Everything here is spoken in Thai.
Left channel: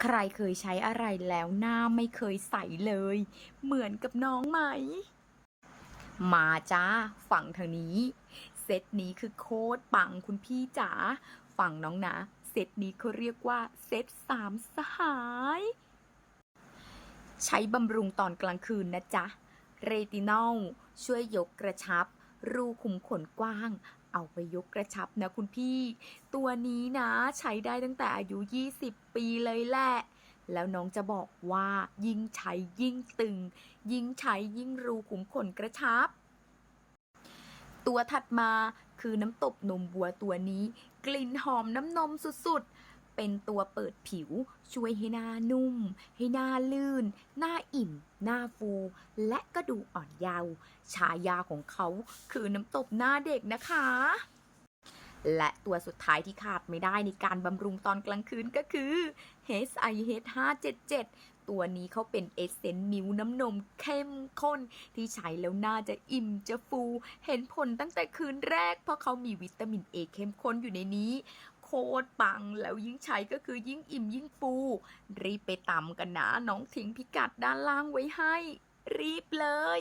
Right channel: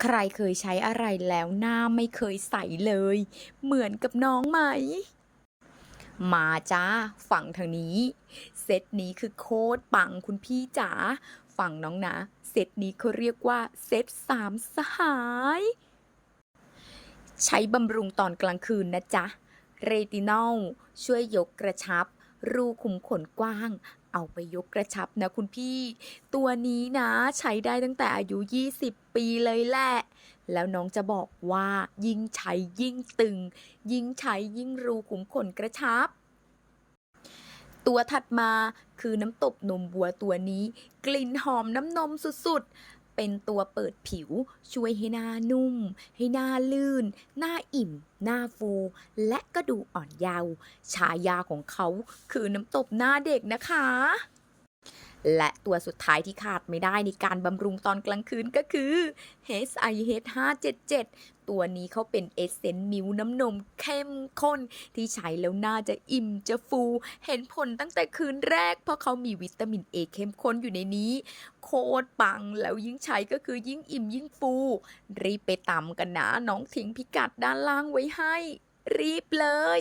ใครเคยใช้อะไรแล้วหน้าไม่เคยใสเลย เหมือนกับน้องไหม มาจ้า ฝั่งทางนี้ เซตนี้คือโคตรปังคุณพี่จ๋า ฝั่งน้องนะ เซตนี้เขาเรียกว่าเซตสามสหาย ใช้บำรุงตอนกลางคืนนะจ๊ะ เรตินอลช่วยยกกระชับ รูขุมขนกว้าง เอาไปยกกระชับนะคุณพี่ ตัวนี้นะใช้ได้ตั้งแต่อายุ 20 ปีเลยแหละ แล้วน้องจะบอกว่ายิ่งใช้ยิ่งตึง ยิ่งใช้ยิ่งรูขุมขนกระชับ ตัวถัดมาคือน้ำตบนมบัวตัวนี้ กลิ่นหอมน้ำนมสุดๆ เป็นตัวเปิดผิว ช่วยให้หน้านุ่ม ให้หน้าลื่น หน้าอิ่ม หน้าฟู และก็ดูอ่อนเยาว์ฉายาของเขาคือน้ำตบหน้าเด็กนะคะ และตัวสุดท้ายที่ขาดไม่ได้ในการบำรุงตอนกลางคืนก็คือ HIH 577 ตัวนี้เขาเป็นเอเซนต์มิวน้ำนมเข้มข้น ที่ใช้แล้วน่าจะอิ่มจะฟู เห็นผลตั้งแต่คืนแรก เพราะเขามีวิตามินเอเข้มข้นอยู่ในนี้ คตรปัง แล้วยิ่งใช้ก็คือยิ่งอิ่มยิ่งฟู รีบไปตำกันนะ น้องทิ้งพิกัดด้านล่างไว้ให้ รีบเลย